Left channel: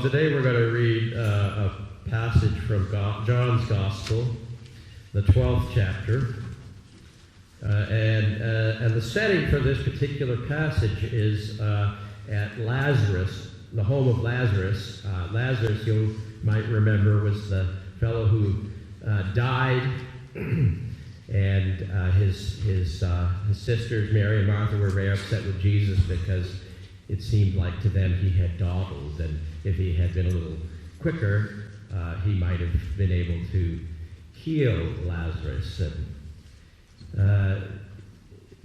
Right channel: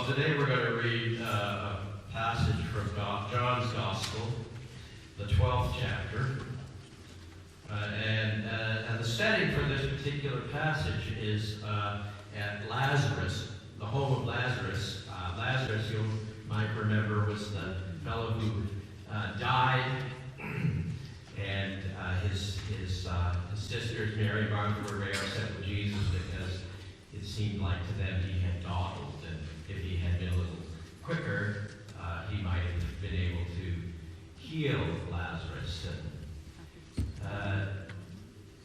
Well, today we're going to read a passage from John's Gospel, the 12th chapter. And the setting for this particular passage is at Lazarus, the home of Lazarus. Lazarus, you might remember, was the fellow who died, and his sisters, Mary and Martha, were very upset with Jesus because it seemed like to them he had dawdled, and if he had been a little quicker, he might have been able to heal Lazarus. And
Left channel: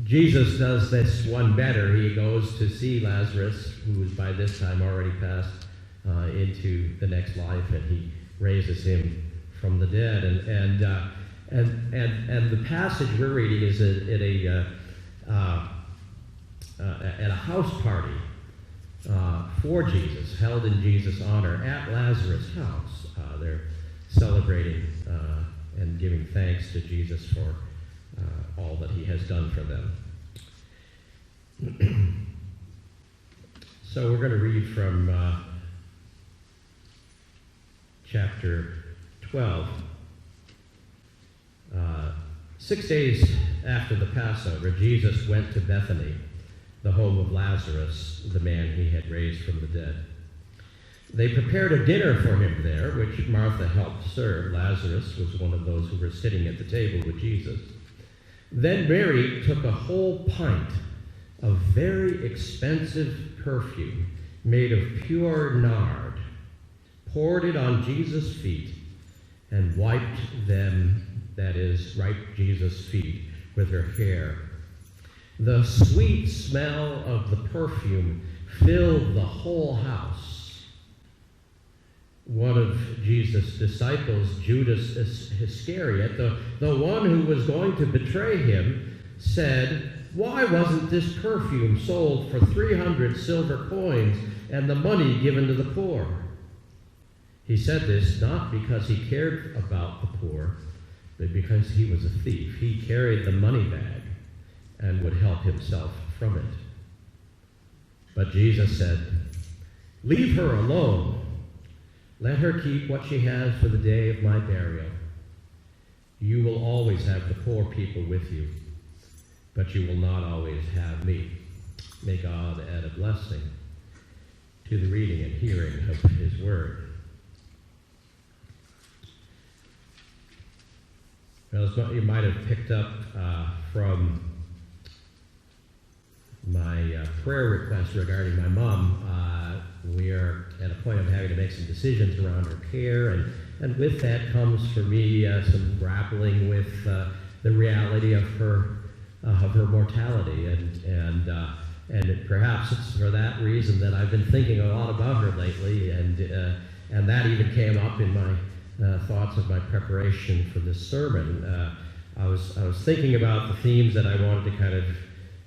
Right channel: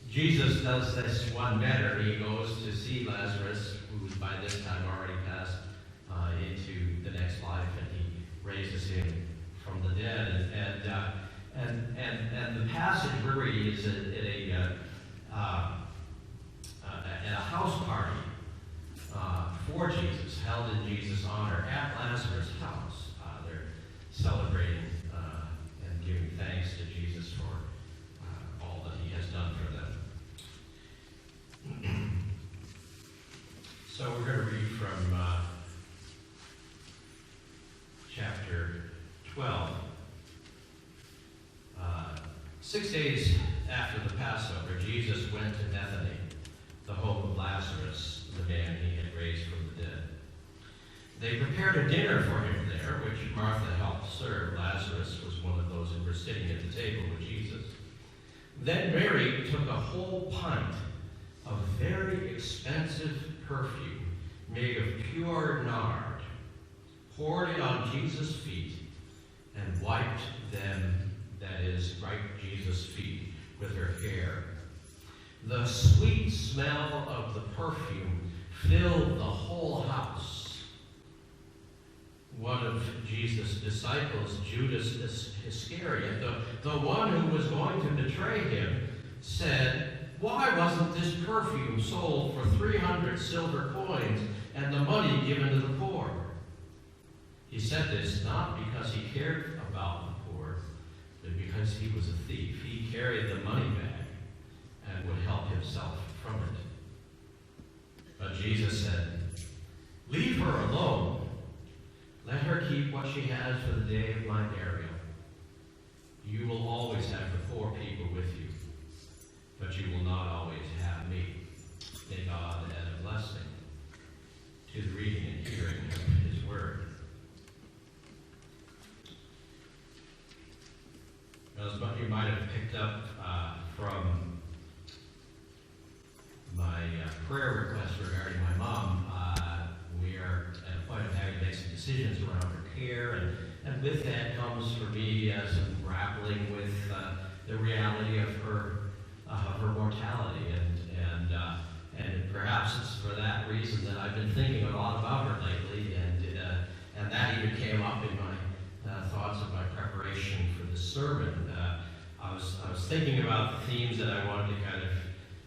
Jesus does this one better. He goes to see Lazarus, who is by this time already passed into the next life, and he raises him from the dead. And the passage we're reading is at a house party for Jesus, held in Jesus' honor at Lazarus' house. They're celebrating and giving thanks to Jesus for all that he has done for them. So we're going to read from chapter 12. 6 days after the Passover, Jesus went to Bethany, the home of Lazarus, the man he had raised from the dead. They prepared a dinner for him there, which Martha helped serve. Lazarus was one of those who were sitting at the table with Jesus. Then Mary took a whole pint of very expensive perfume made of pure nard, poured it on Jesus' feet, and wiped them, that is, wiped Jesus' feet with her hair. The sweet smell of the perfume filled the whole house. One of Jesus' disciples, Judas Iscariot, the one who was going to betray him, said, "Why wasn't this perfume sold for 300 silver coins and the money given to the poor?" He said this not because he cared about the poor, but because he was a thief. He carried the money bag and would help himself from it. But Jesus said, "Leave her alone. Let her keep what she has for the day of my burial. You will always have the poor people with you, but you will not always have me." May God add a blessing to the reading and hearing of his word. Well, as you might have picked up from my prayer request regarding my mom, we are at a point of having to make some decisions around her care, and with that comes for me some grappling with the reality of her mortality, and perhaps it's for that reason that I've been thinking a lot about her lately, and that even came up in my thoughts of my preparation for this sermon. I was thinking about the themes that I wanted to kind of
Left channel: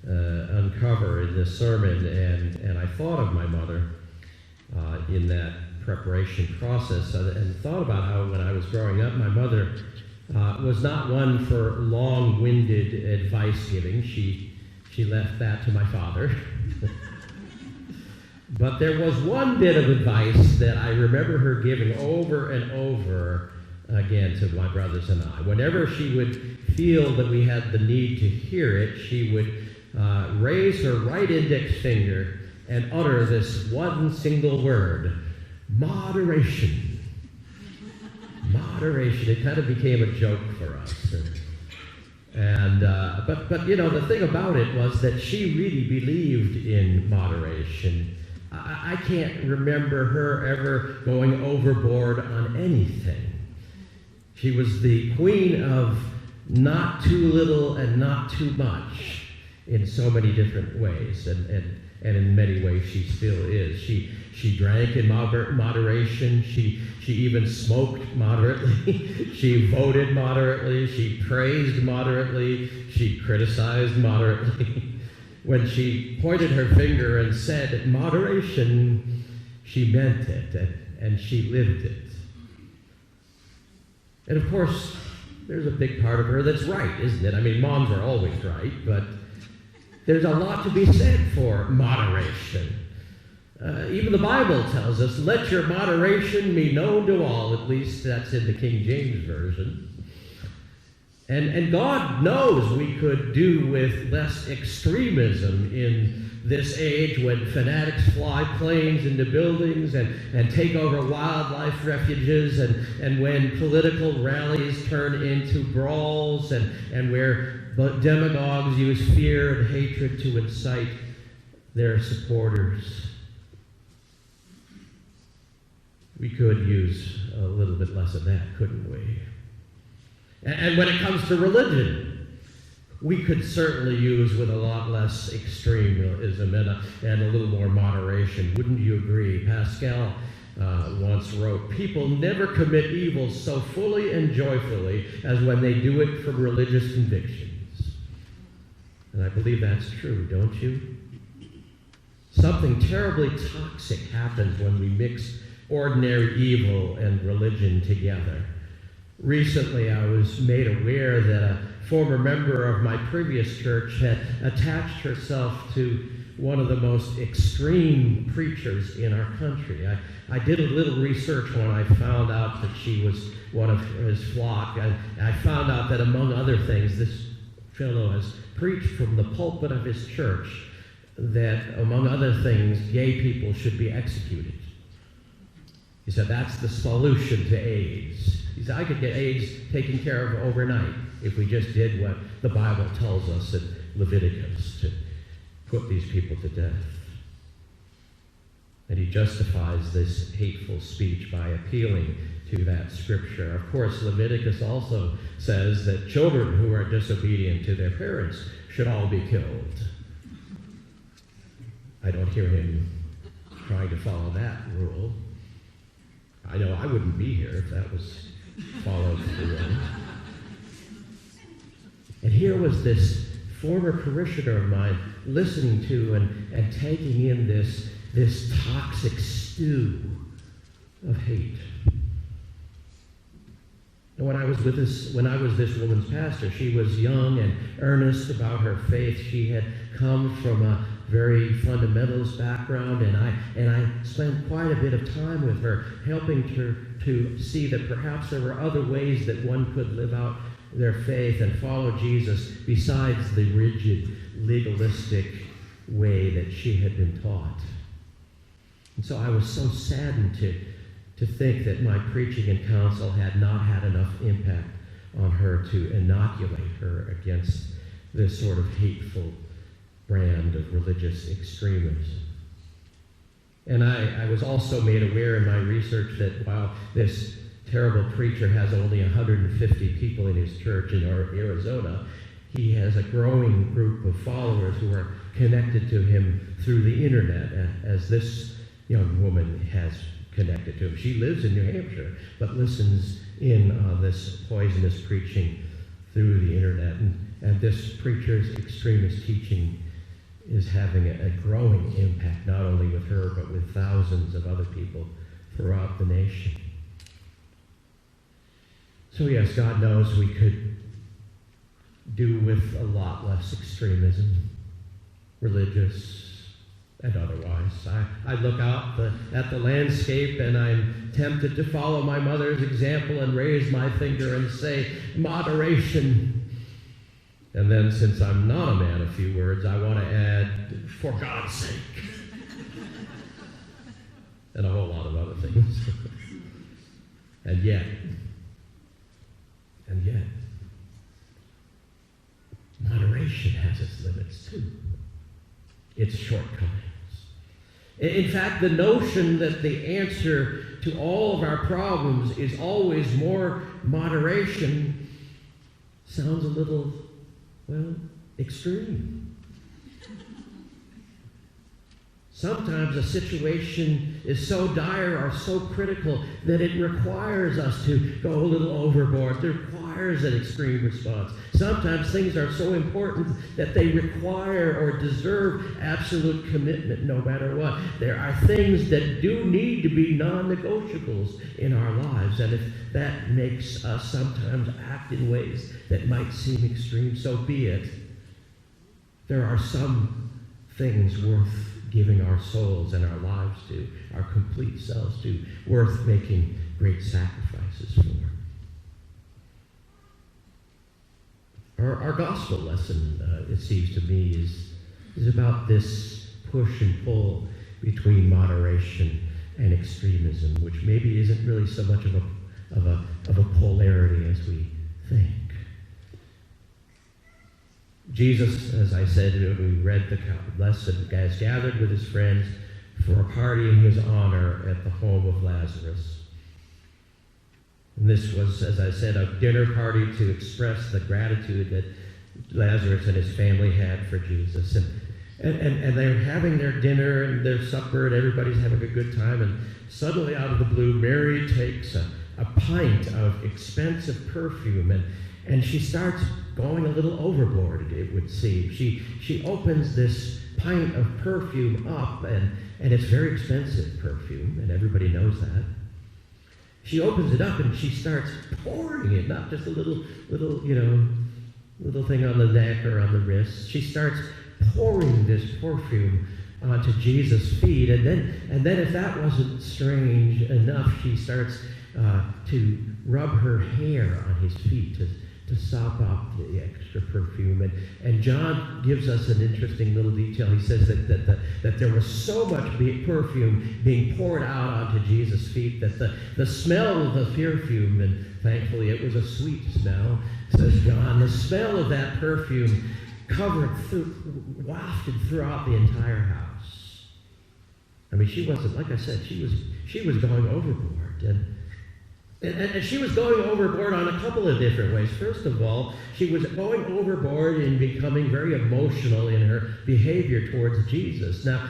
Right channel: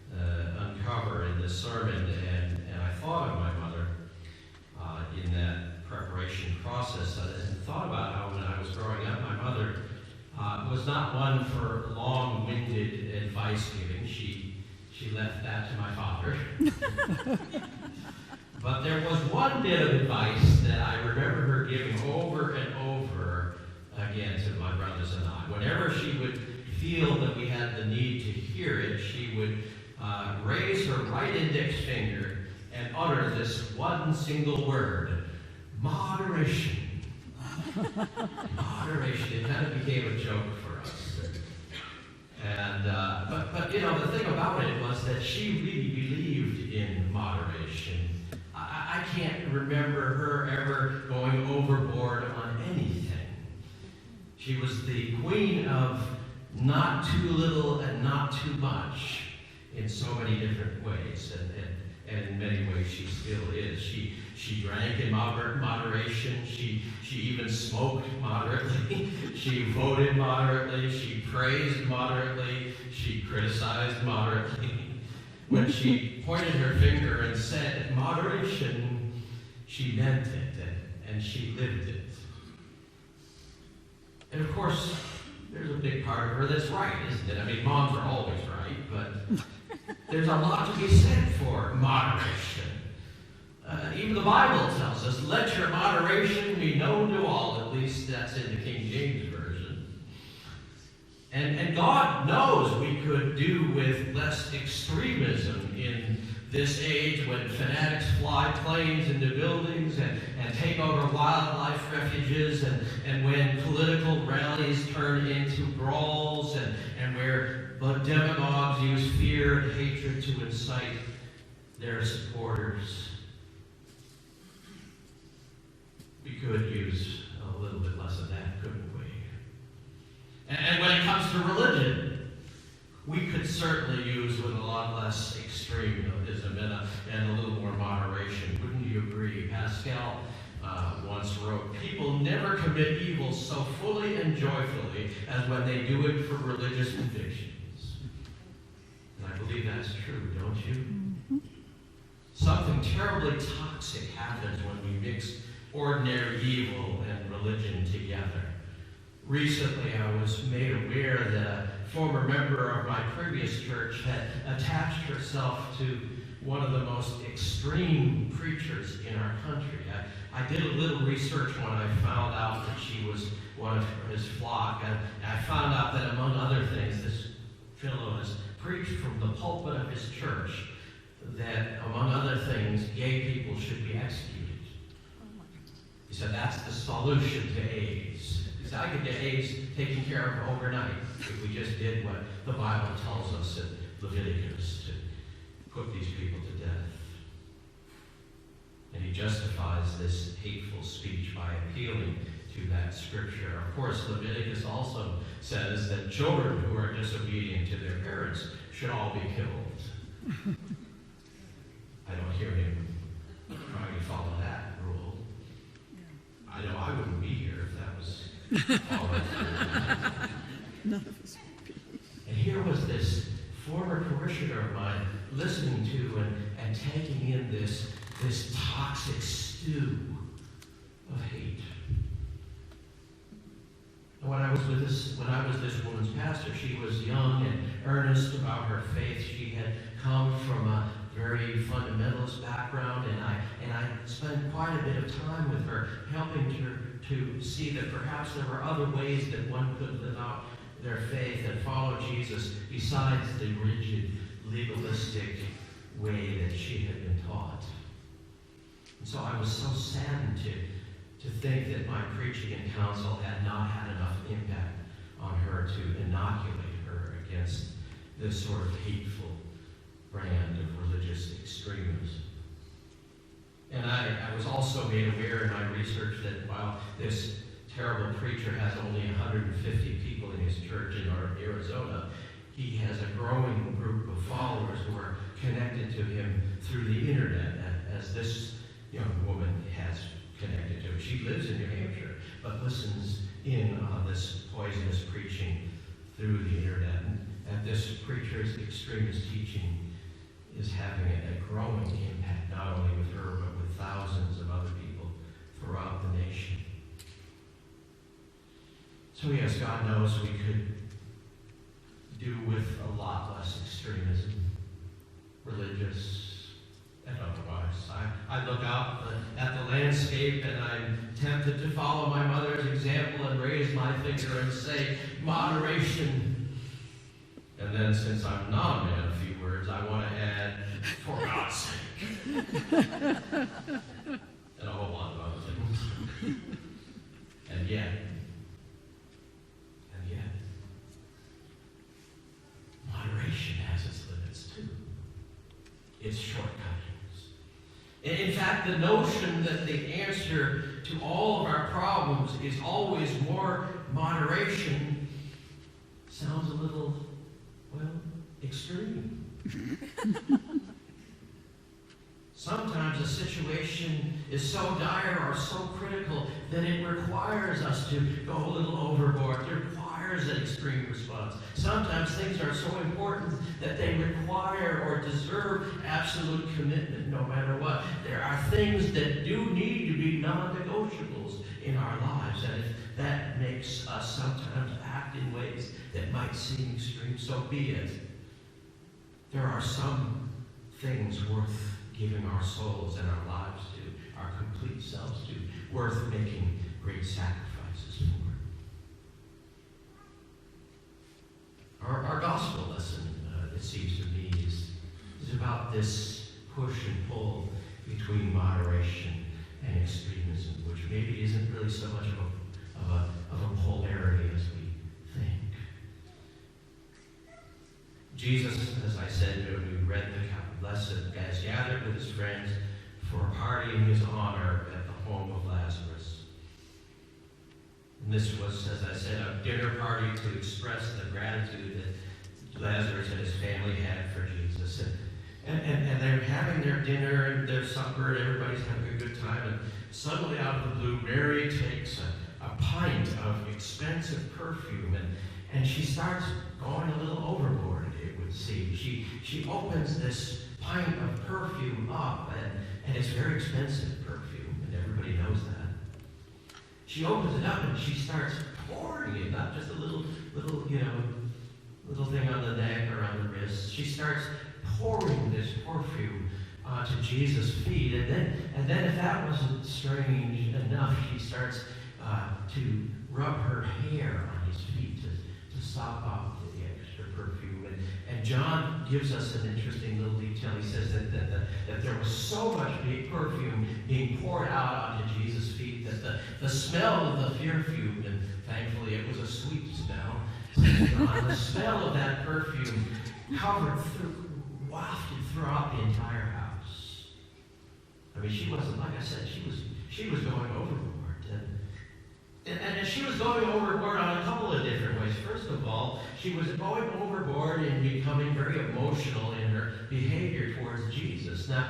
uncover in this sermon, and I thought of my mother in that preparation process, and thought about how when I was growing up, my mother was not one for long-winded advice giving. She left that to my father. But there was one bit of advice that I remember her giving over and over again to my brothers and I. Whenever she would feel that we had the need to hear it, she would raise her right index finger and utter this one single word: moderation. Moderation. It kind of became a joke for us. And but you know, the thing about it was that she really believed in moderation. I can't remember her ever going overboard on anything. She was the queen of not too little and not too much in so many different ways, and in many ways she still is. She drank in moderation. She even smoked moderately. She voted moderately. She praised moderately. She criticized moderately. When she pointed her finger and said moderation, she meant it, and she lived it. And of course, there's a big part of her that's right, isn't it? I mean, moms are always right, but there's a lot to be said for moderation. Even the Bible tells us, let your moderation be known to all. At least that's in the King James Version. And God knows we could do with less extremism in this age when fanatics fly planes into buildings and take over wildlife refuges, and when political rallies turn into brawls, and where demagogues use fear and hatred to incite their supporters. We could use a little bit less of that, couldn't we? And when it comes to religion, we could certainly use with a lot less extremism and a little more moderation. Wouldn't you agree? Pascal once wrote, people never commit evil so fully and joyfully as when they do it for religious convictions. And I believe that's true, don't you? Something terribly toxic happens when we mix ordinary evil and religion together. Recently, I was made aware that a former member of my previous church had attached herself to one of the most extreme preachers in our country. I did a little research when I found out that she was one of his flock. I found out that, among other things, this fellow has preached from the pulpit of his church that, among other things, gay people should be executed. He said that's the solution to AIDS. He said, I could get AIDS taken care of overnight if we just did what the Bible tells us in Leviticus, to put these people to death. And he justifies this hateful speech by appealing to that scripture. Of course, Leviticus also says that children who are disobedient to their parents should all be killed. I don't hear him trying to follow that rule. I know I wouldn't be here if that was followed through. And here was this former parishioner of mine listening to and taking in this toxic stew of hate. And when I was this woman's pastor, she was young and earnest about her faith. She had come from a very fundamentalist background, and I spent quite a bit of time with her, helping her to see that perhaps there were other ways that one could live out their faith and follow Jesus besides the rigid, legalistic way that she had been taught. And so I was so saddened to think that my preaching and counsel had not had enough impact on her to inoculate her against this sort of hateful brand of religious extremism. And I was also made aware in my research that while this terrible preacher has only 150 people in his church in Arizona, he has a growing group of followers who are connected to him through the internet, as this young woman has connected to him. She lives in New Hampshire, but listens in on this poisonous preaching through the internet. And this preacher's extremist teaching is having a growing impact, not only with her, but with thousands of other people throughout the nation. So yes, God knows we could do with a lot less extremism, religious and otherwise. I look out at the landscape and I'm tempted to follow my mother's example and raise my finger and say, moderation. And then, since I'm not a man of few words, I want to add, for God's sake. And a whole lot of other things. And yet, moderation has its limits too. Its shortcomings. In fact, the notion that the answer to all of our problems is always more moderation sounds a little, extreme. Sometimes a situation is so dire or so critical that it requires us to go a little overboard. It requires an extreme response. Sometimes things are so important that they require or deserve absolute commitment no matter what. There are things that do need to be non-negotiables in our lives, and if that makes us sometimes act in ways that might seem extreme, so be it. There are some things worth giving our souls and our lives to, our complete selves to, worth making great sacrifices for. Our gospel lesson, it seems to me, is about this push and pull between moderation and extremism, which maybe isn't really so much of a polarity as we think. Jesus, as I said, we read the lesson, has gathered with his friends for a party in his honor at the home of Lazarus. And this was, as I said, a dinner party to express the gratitude that Lazarus and his family had for Jesus. And they're having their dinner and their supper, and everybody's having a good time. And suddenly, out of the blue, Mary takes a pint of expensive perfume, and she starts going a little overboard, it would seem. She opens this pint of perfume up, and it's very expensive perfume, and everybody knows that. She opens it up and she starts pouring it, not just a little thing on the neck or on the wrist. She starts pouring this perfume onto Jesus' feet, and then if that wasn't strange enough, she starts to rub her hair on his feet to sop up the extra perfume. And John gives us an interesting little detail. He says that there was so much perfume being poured out onto Jesus' feet that the smell of the perfume, and thankfully it was a sweet smell, says John, the smell of that perfume wafted throughout the entire house. I mean, she wasn't, like I said, she was going overboard. And she was going overboard on a couple of different ways. First of all, she was going overboard in becoming very emotional in her behavior towards Jesus. Now,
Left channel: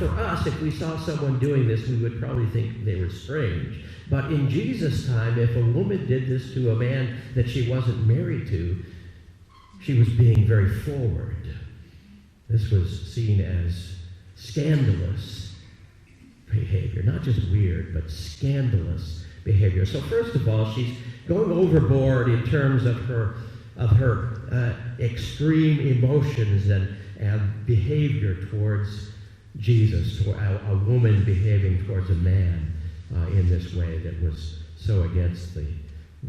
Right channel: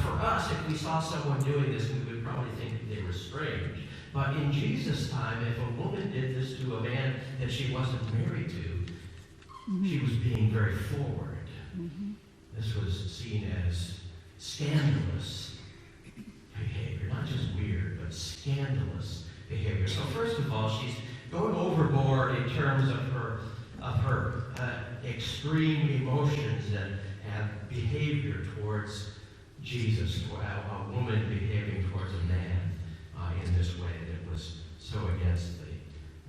for us, if we saw someone doing this, we would probably think they were strange. But in Jesus' time, if a woman did this to a man that she wasn't married to, she was being very forward. This was seen as scandalous behavior. Not just weird, but scandalous behavior. So first of all, she's going overboard in terms of her extreme emotions and behavior towards Jesus, or a woman behaving towards a man in this way that was so against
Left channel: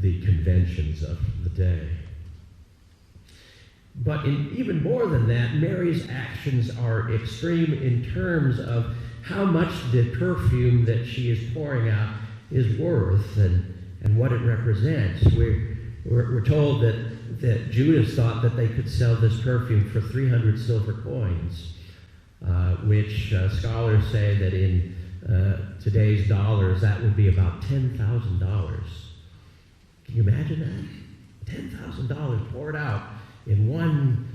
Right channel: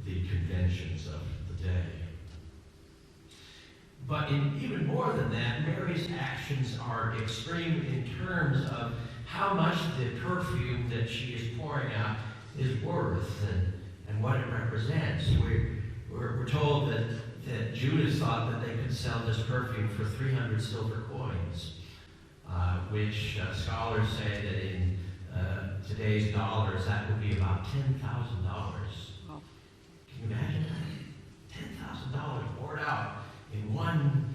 the conventions of the day. But even more than that, Mary's actions are extreme in terms of how much the perfume that she is pouring out is worth and what it represents. We're told that Judas thought that they could sell this perfume for 300 silver coins, which scholars say that in today's dollars, that would be about $10,000. Can you imagine that? $10,000 poured out in one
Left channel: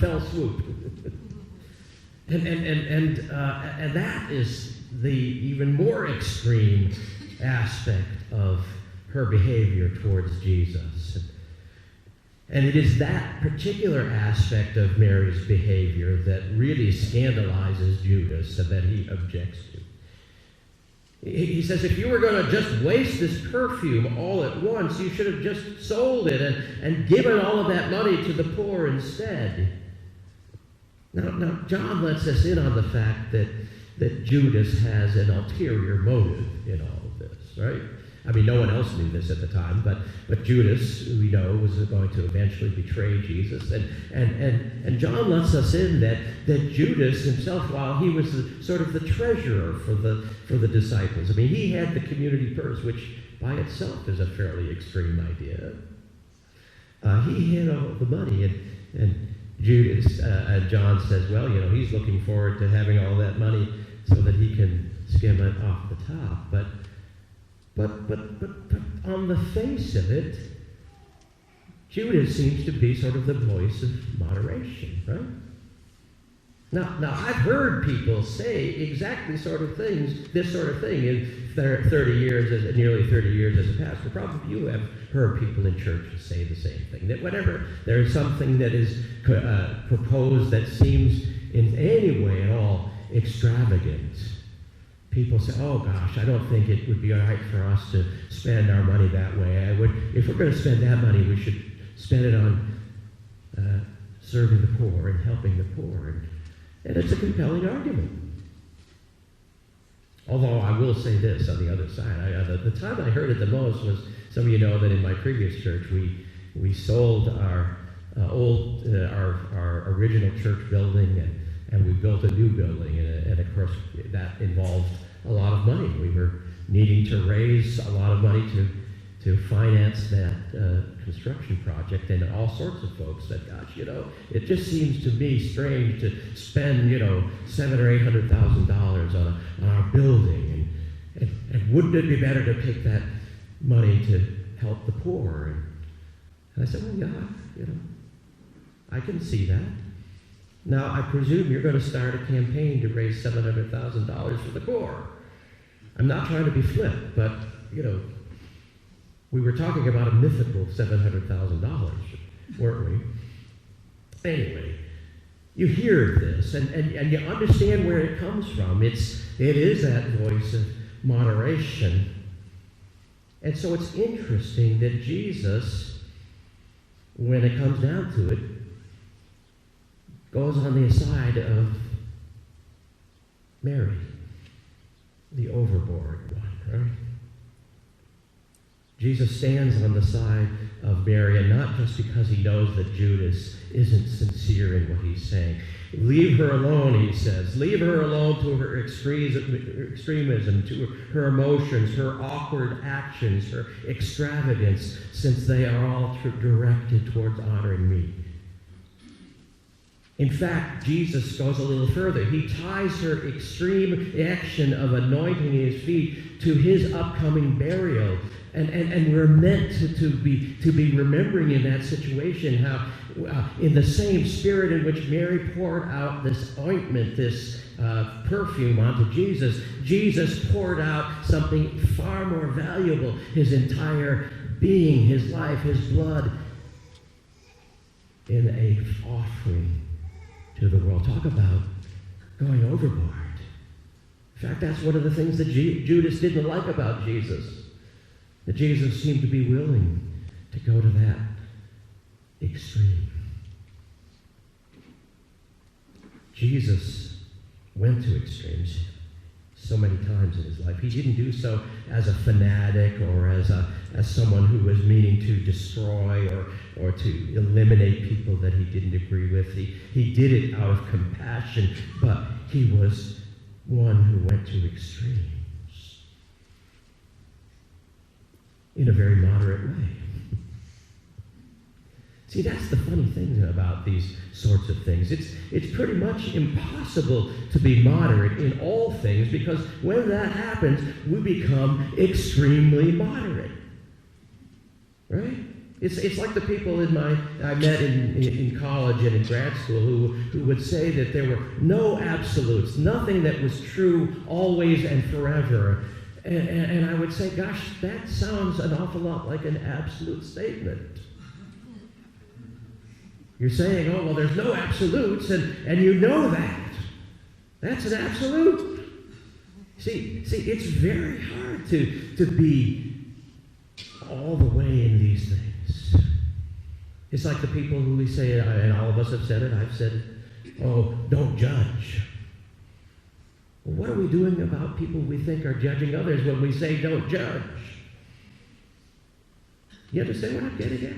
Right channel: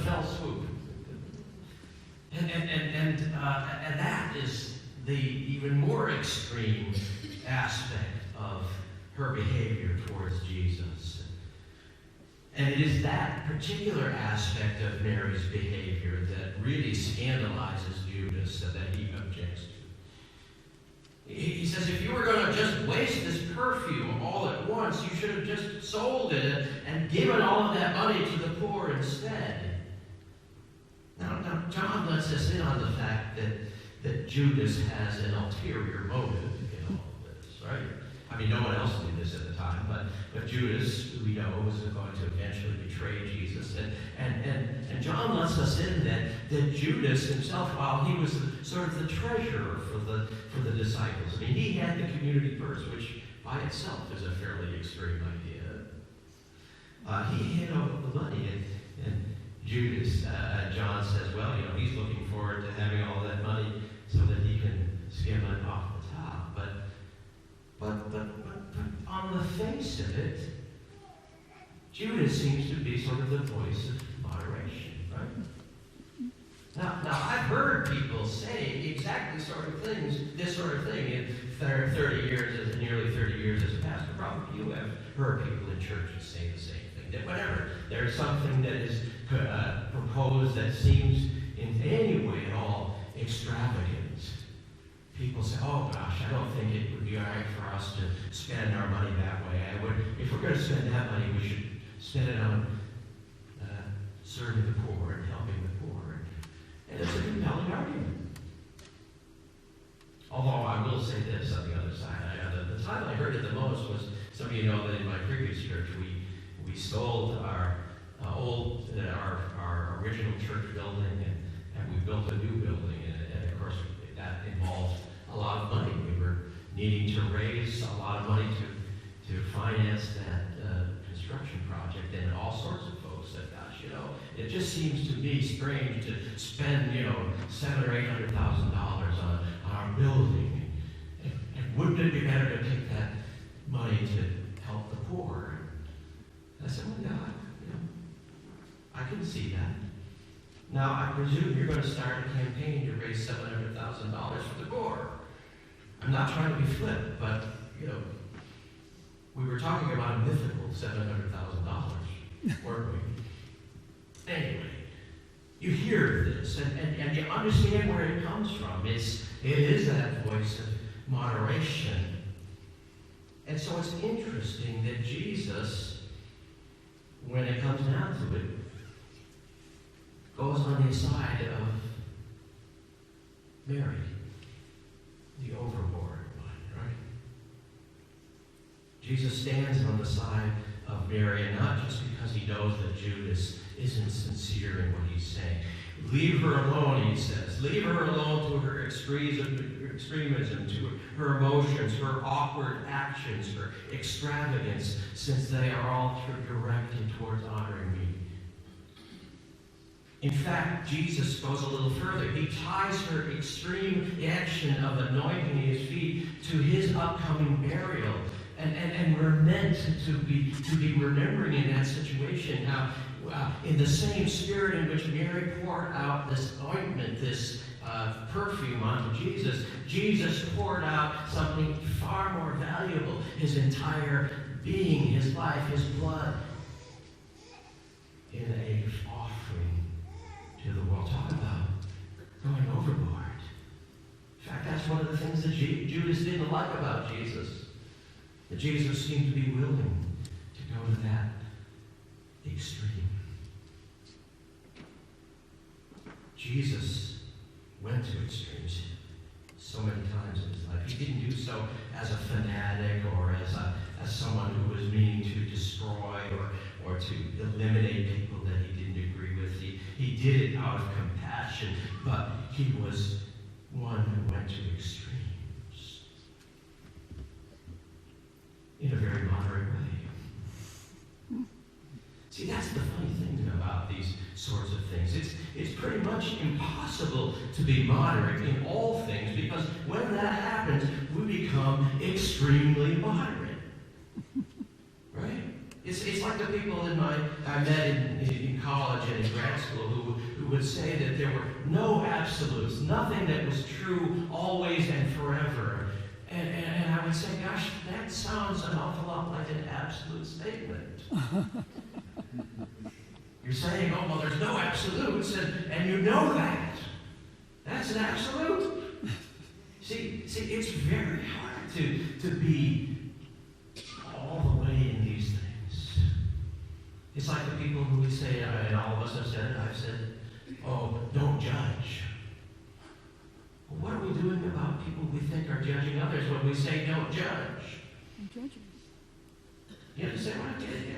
fell swoop. And that is the even more extreme aspect of her behavior towards Jesus. And it is that particular aspect of Mary's behavior that really scandalizes Judas and that he objects to. He says, if you were going to just waste this perfume all at once, you should have just sold it and given all of that money to the poor instead. Now, John lets us in on the fact that Judas has an ulterior motive in all of this, right? I mean, no one else knew this at the time, but Judas, we know, was going to eventually betray Jesus. And John lets us in that Judas himself, while he was sort of the treasurer for the disciples, I mean, he had the community purse, which by itself is a fairly extreme idea. He had all of the money, and Judas, John says, well, he's looking forward to having all that money so that he can skim it off the top. But on the face of it, Judas seems to be sort of the voice of moderation, right? Now I've heard people say exactly this sort of thing in 30 years, nearly 30 years as a pastor. Probably you have heard people in churches say the same thing, that whenever there's something that is proposed that seems in any way at all extravagant, people say, oh gosh, I don't think it would be all right for us to spend our money that way. If we're going to spend that money, we should spend it on serving the poor and helping the poor. And it's a compelling argument. Although I will say this on the other side. The time that I heard it the most was, some of you know that in my previous church, we sold our our original church building, and we built a new building. And of course, that involved a lot of money. We were needing to raise a lot of money to finance that construction project, and all sorts of folks said, gosh, it just seems to me strange to spend, $700,000 or $800,000 on our building, and wouldn't it be better to take that money to help the poor? And I said, well, yeah, I can see that. Now, I presume you're going to start a campaign to raise $700,000 for the poor. I'm not trying to be flip, but, we were talking about a mythical $700,000, weren't we? Anyway, you hear this, and you understand where it comes from. It is that voice of moderation. And so it's interesting that Jesus, when it comes down to it, goes on the side of Mary, the overboard one, right? Jesus stands on the side of Mary, and not just because he knows that Judas isn't sincere in what he's saying. Leave her alone, he says. Leave her alone to her extremism, to her emotions, her awkward actions, her extravagance, since they are all directed towards honoring me. In fact, Jesus goes a little further. He ties her extreme action of anointing his feet to his upcoming burial. And we're meant to be remembering in that situation how, in the same spirit in which Mary poured out this ointment, this perfume onto Jesus, Jesus poured out something far more valuable, his entire being, his life, his blood, in an offering to the world. Talk about going overboard. In fact, that's one of the things that Judas didn't like about Jesus. That Jesus seemed to be willing to go to that extreme. Jesus went to extremes so many times in his life. He didn't do so as a fanatic or as someone who was meaning to destroy or to eliminate people that he didn't agree with. He did it out of compassion, but he was one who went to extremes in a very moderate way. See, that's the funny thing about these sorts of things. It's pretty much impossible to be moderate in all things, because when that happens, we become extremely moderate. Right? It's like the people I met in college and in grad school who would say that there were no absolutes, nothing that was true always and forever. And I would say, gosh, that sounds an awful lot like an absolute statement. You're saying, oh, well, there's no absolutes, and you know that. That's an absolute. See, it's very hard to be all the way in these things. It's like the people who we say, and all of us have said it, I've said it, oh, don't judge. Well, what are we doing about people we think are judging others when we say don't judge? You understand what I'm getting at?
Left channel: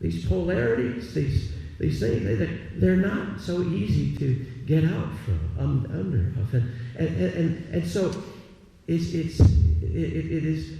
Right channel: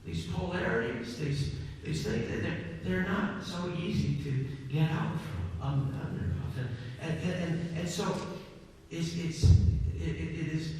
These polarities, these things, they're not so easy to get out from, under. And so it is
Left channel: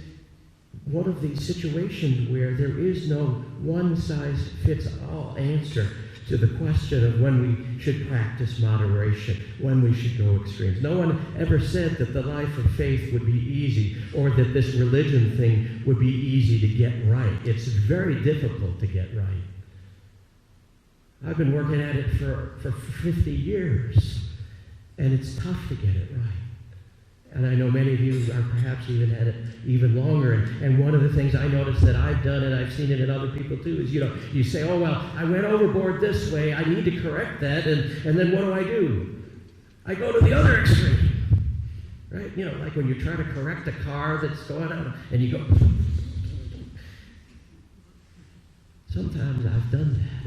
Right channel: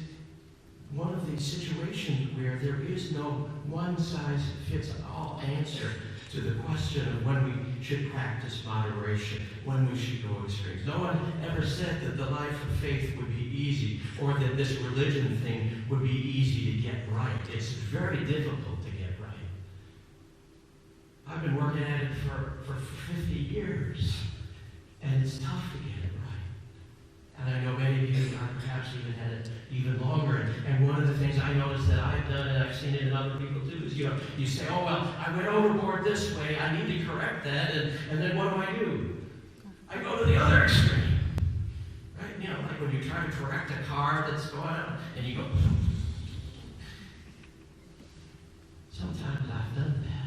one of these situations where there is no one-size-fits-all answer to the question of when we should practice moderation, when we should go extremes. No one ever said that the life of faith would be easy, or that this religion thing would be easy to get right. It's very difficult to get right. I've been working at it for 50 years, and it's tough to get it right. And I know many of you have perhaps even had it even longer. And one of the things I noticed that I've done, and I've seen it in other people too, is you say, oh, well, I went overboard this way. I need to correct that. And then what do? I go to the other extreme. Right? Like when you try to correct a car that's going out, and you go. Sometimes I've done that.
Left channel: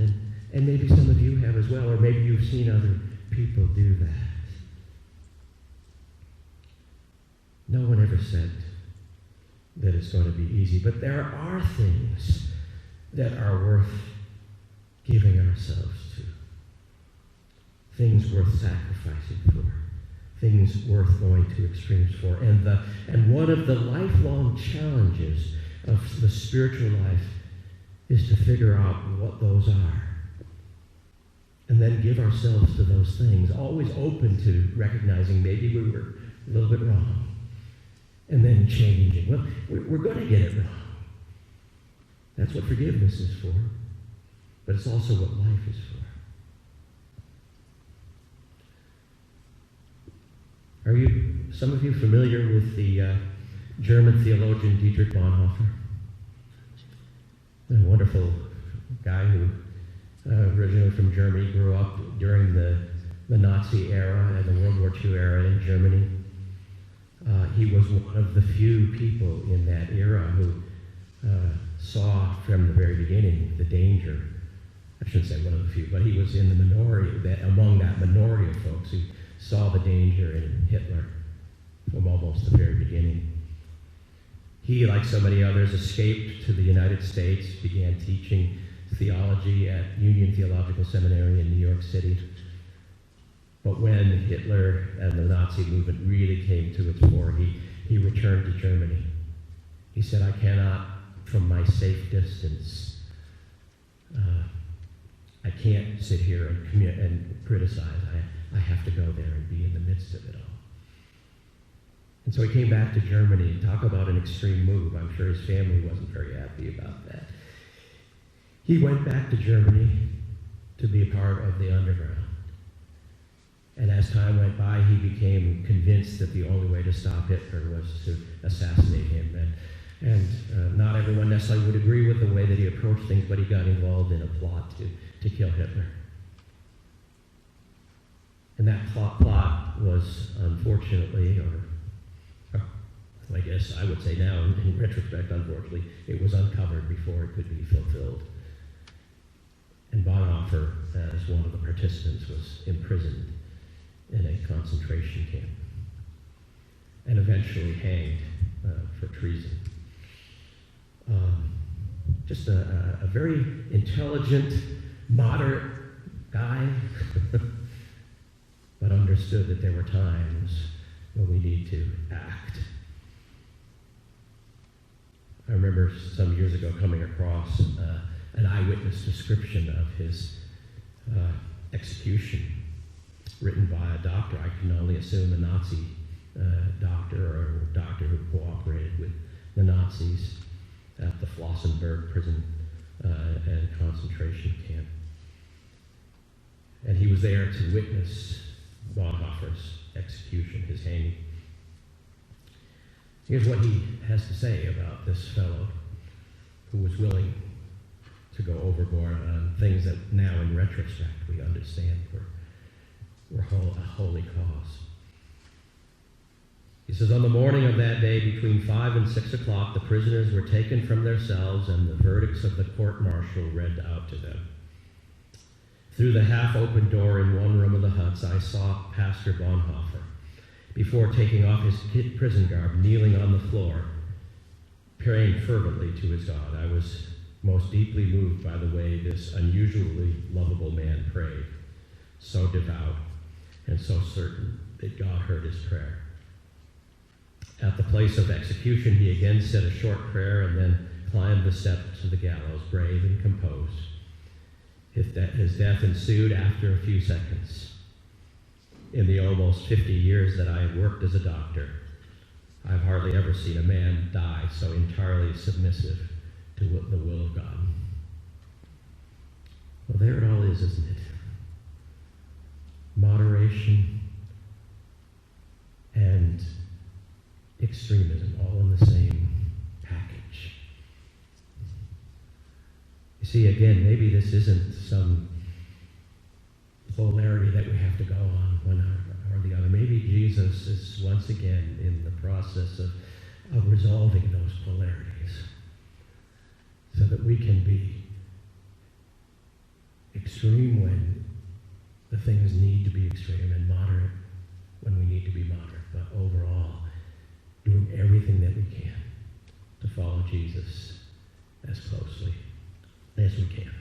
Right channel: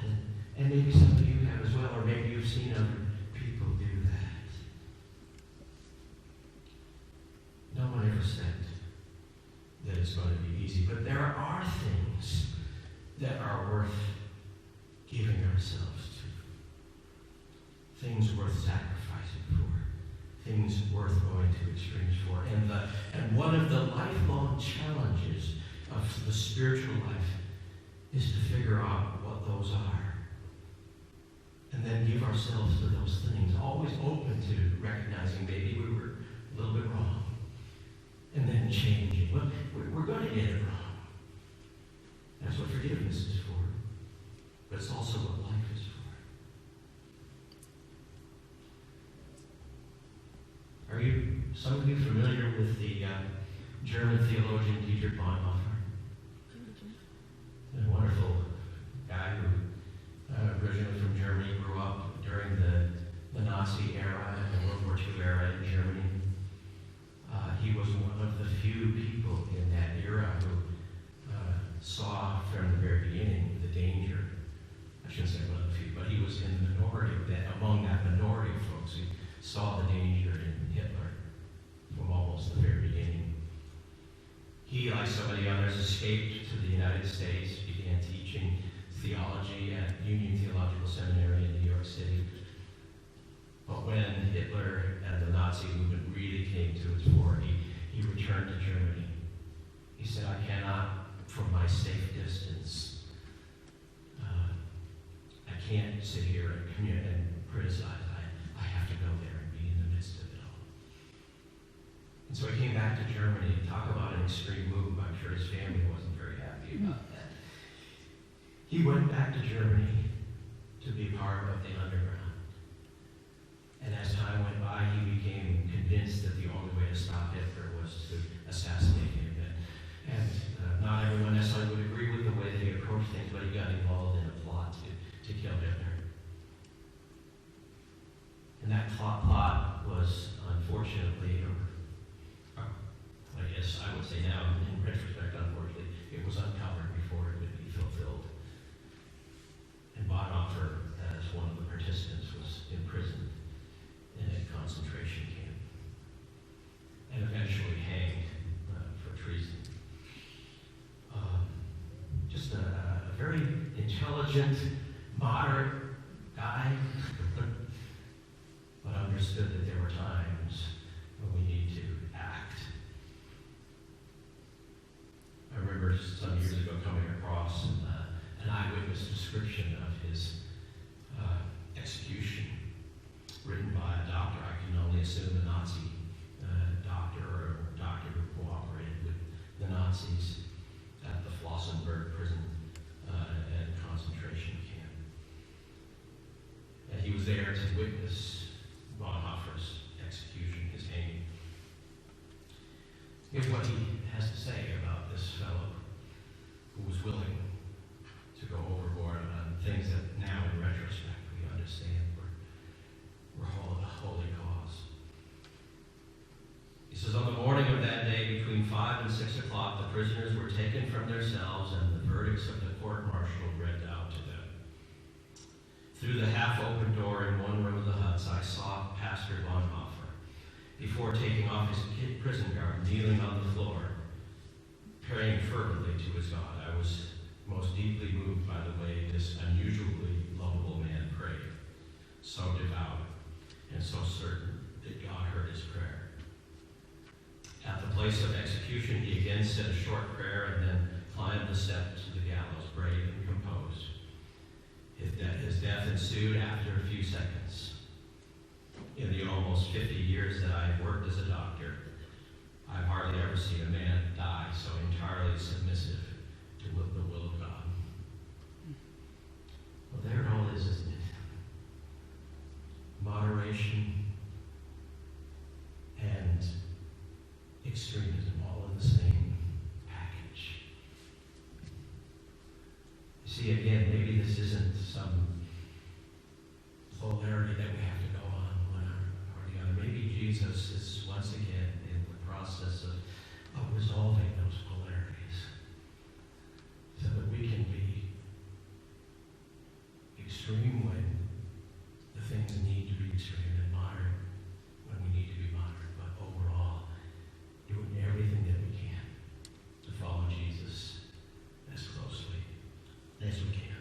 And maybe some of you have as well, or maybe you've seen other people do that? No one ever said that it's going to be easy, but there are things that are worth giving ourselves to, things worth sacrificing for, things worth going to extremes for. And one of the lifelong challenges of the spiritual life is to figure out what those are. And then give ourselves to those things, always open to recognizing maybe we were a little bit wrong. And then changing. Well, we're going to get it wrong. That's what forgiveness is for. But it's also what life is for. Are some of you familiar with the German theologian Dietrich Bonhoeffer? A wonderful guy who originally from Germany, grew up during the Nazi era and the World War II era in Germany. He was one of the few people in that era who saw from the very beginning the danger. I shouldn't say one of the few, but he was in the minority, among that minority of folks who saw the danger in Hitler from almost the very beginning. He, like so many others, escaped to the United States, began teaching theology at Union Theological Seminary in New York City. But when Hitler and the Nazi movement really came to its fore, he returned to Germany. He said, I cannot, from my safe distance, I can't sit here and criticize. I have to go there and be in the midst of it all. And so he came back to Germany. Talk about an extreme move. I'm sure his family wasn't very happy about that. He went back to Germany to be a part of the underground. And as time went by, he became convinced that the only way to stop Hitler was to assassinate him. And not everyone necessarily would agree with the way that he approached things, but he got involved in a plot to kill Hitler. And that plot was, unfortunately, I guess I would say now, in retrospect, unfortunately, it was uncovered before it could be fulfilled. And Bonhoeffer, as one of the participants, was imprisoned in a concentration camp and eventually hanged for treason. Just a very intelligent, moderate guy, but understood that there were times when we need to act. I remember some years ago coming across an eyewitness description of his execution written by a doctor. I can only assume a Nazi doctor or a doctor who cooperated with the Nazis at the Flossenburg prison and concentration camp. And he was there to witness Bonhoeffer's execution, his hanging. Here's what he has to say about this fellow who was willing to go overboard on things that now in retrospect we understand were a holy cause. He says, on the morning of that day, between 5 and 6 o'clock, the prisoners were taken from their cells and the verdicts of the court-martial read out to them. Through the half-open door in one room of the huts, I saw Pastor Bonhoeffer, before taking off his prison garb, kneeling on the floor, praying fervently to his God. I was most deeply moved by the way this unusually lovable man prayed, so devout and so certain that God heard his prayer. At the place of execution, he again said a short prayer and then climbed the steps to the gallows, brave and composed. His death ensued after a few seconds. In the almost 50 years that I had worked as a doctor, I've hardly ever seen a man die so entirely submissive to the will of God. Well, there it all is, isn't it? Moderation and extremism, all in the same package. You see, again, maybe this isn't some polarity that we have to go on one or the other. Maybe Jesus is once again in the process of resolving those polarities so that we can be extreme when the things need to be extreme, and moderate when we need to be moderate. But overall, doing everything that we can to follow Jesus as closely as we can.